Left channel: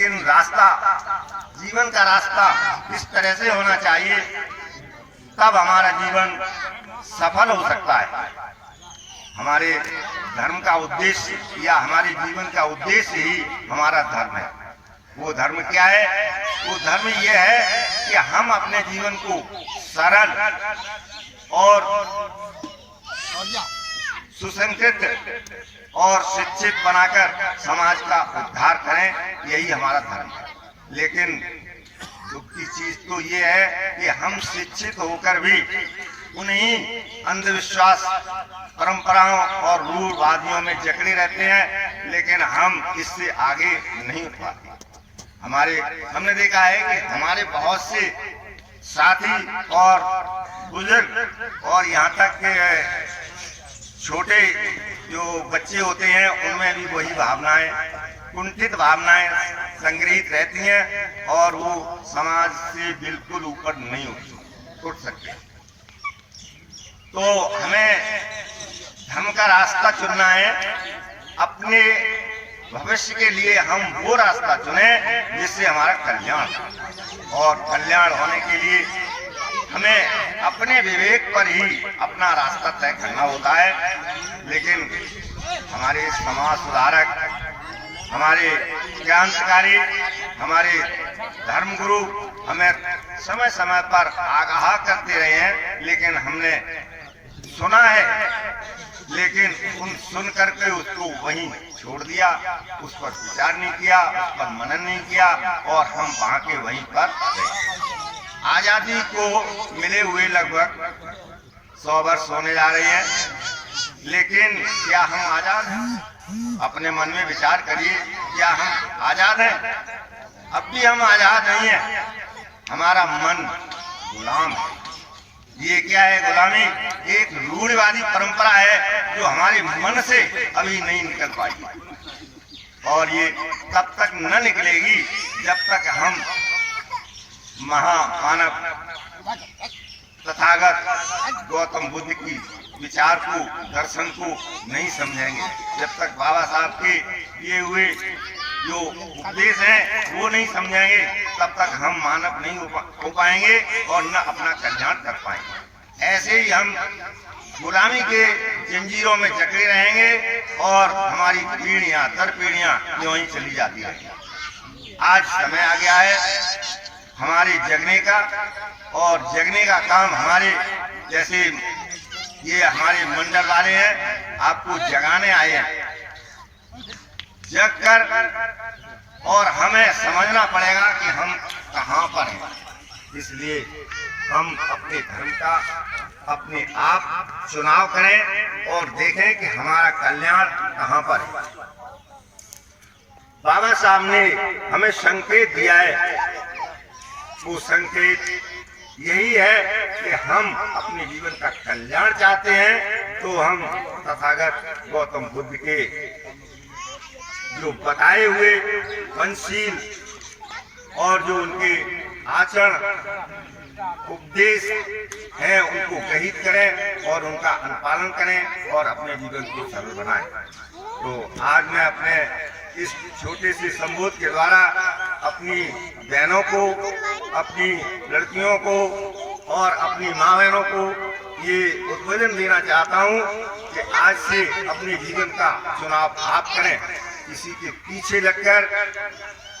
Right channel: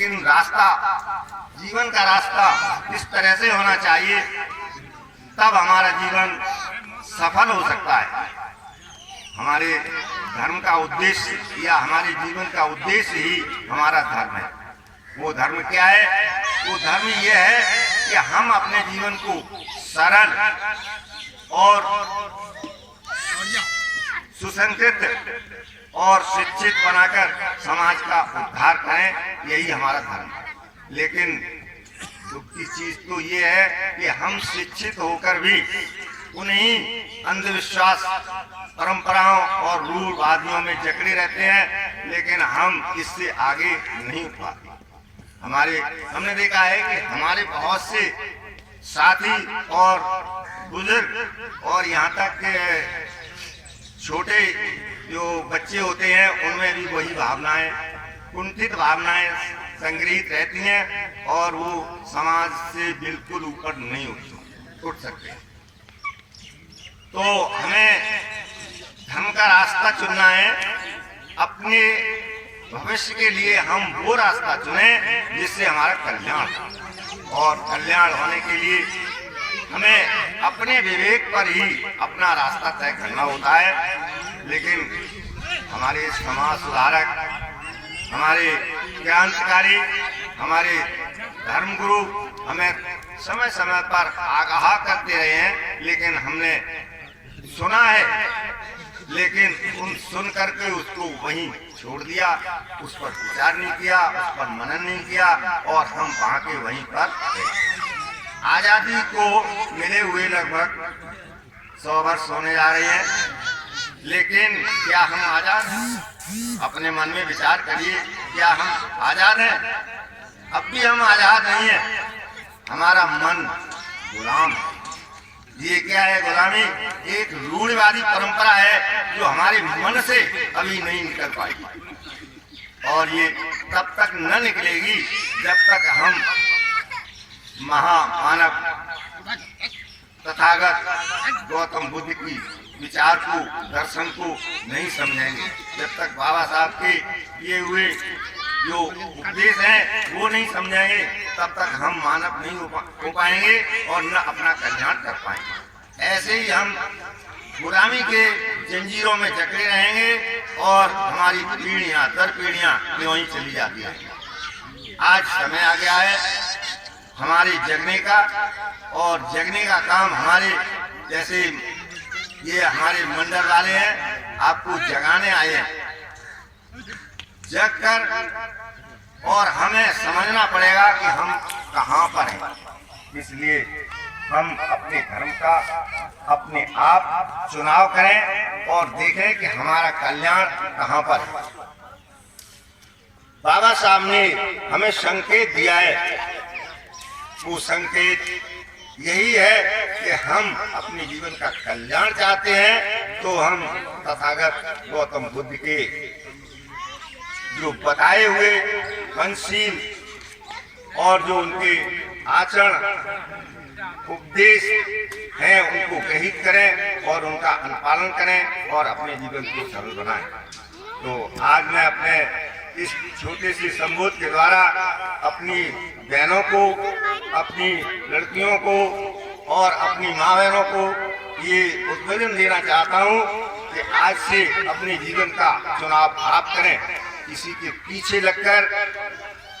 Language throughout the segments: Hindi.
लेकिन रास्ता, जीवन का रास्ता इस तरह से होना चाहिए, तब हमारा जीवन सफल हो सकता है। हमारे धर्म का उद्देश्य या हमारे जीवन का उद्देश्य ही हमारा धर्म है। वो धर्म क्या है? वो धर्म ये है कि हम अपने जीवन को सरल और सुसंस्कृत और शिक्षित बनाकर समाज का उद्धार करें, यही हमारा धर्म है। लेकिन दुख की चीज तो ये है कि हम शिक्षित होकर भी उन्हीं अंधविश्वास, परंपराओं और रूढ़वादियों में जकड़े रहते हैं, लेकिन हम इससे आगे नहीं उठ पाते। हमने देखा है कि हमारे बहुत से साथी और बुजुर्ग और यहाँ तक के छोटे जो बच्चे होते हैं, उनमें भी वही भावनाएं, कुंठित भावनाएं संग्रहित रहती हैं और वो समाज से बिल्कुल ऊपर नहीं उठ सकते। तो हमें धर्म का रास्ता चुनना है। अपने भविष्य के लिए हम वो रास्ता चुनें जिससे हमारा कल्याण हो, और कल्याण होने के लिए हमें अपने विवेक पर ही अपना रास्ता तय करना होता है। लेकिन हमारे समाज सुधारक, हमारे क्रांतिकारी, हमारे धर्मगुरु हमें समय समय पर आगाह करते रहे हैं, लेकिन हमने सुना है, लेकिन उन सुन करके उसको वहीं छोड़ दिया, उस पर विचार नहीं किया, उस पर मनन नहीं किया, और हम वहां के वहीं पर गए। आजादी को मिले हुए लगभग 100 वर्ष होने जा रहे हैं, लेकिन क्या हम आजाद हैं? अपने मन में विचार करिए, क्या हम आजाद हैं? अब भी हम आजाद नहीं हैं, हमारा मन गुलाम है। ये क्या है गुलामी? एक रूढ़िवादी परंपरा है जो हमारे मन से अभी नहीं निकल पाई, और ये तब तक न निकलेगी जब तक हम महामानव तथागत गौतम बुद्ध की विचार को, दर्शन को नहीं समझेंगे। जब तक बाबा साहब के ये हुए जो उपदेश हैं वो नहीं समझेंगे, तब तक हम मानव नहीं हो पाएंगे और न अपना कल्याण कर पाएंगे। ऐसे ही हम गुलामी के जंजीरों में जकड़े रहेंगे और हमारी पीढ़ियां दर पीढ़ियां यूं ही चली जाती है। आज समय आ गया है हमारे जगने का, और जगने का काम हमारे जैसे ये हमारे मंडल वाले हैं, आपको जगाने आए हैं। जग कर और हमें समझना पड़ेगा कि हम कहाँ पर हैं। इसलिए हम अपने धर्म का अपने आप चुनाव करें और देखें कि हमारा कल्याण कहाँ पर है। बाबा साहब ने हमें संकेत दिया है, वो संकेत यही है कि हम अपने जीवन का कल्याण चाहते हैं, तो हम तथागत गौतम बुद्ध के जो बताए हुए पंचशील और जो उनके आचरण उपदेश हैं उनको ग्रहित करें और उनका अनुपालन करें और अपने जीवन को सरल बनाएं। तो आज मैं अपने इस छोटे से संबोध के द्वारा अपनी बहनों को, अपनी लड़कियों को और अपनी माँ बहनों को ये उद्बोधन देना चाहता हूँ कि आज से अपने जीवन का चुनाव आप करें। किसी के पीछे लगकर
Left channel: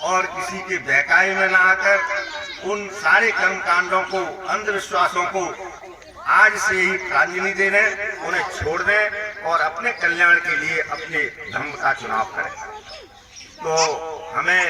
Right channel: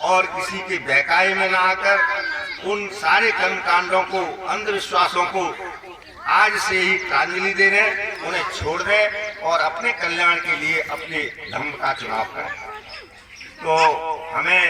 और किसी के बहकावे में ना आकर उन सारे कर्म कांडों को, अंधविश्वासों को आज से ही प्रांजलि दे दें, उन्हें छोड़ दें और अपने कल्याण के लिए अपने धर्म का चुनाव करें। तो हमें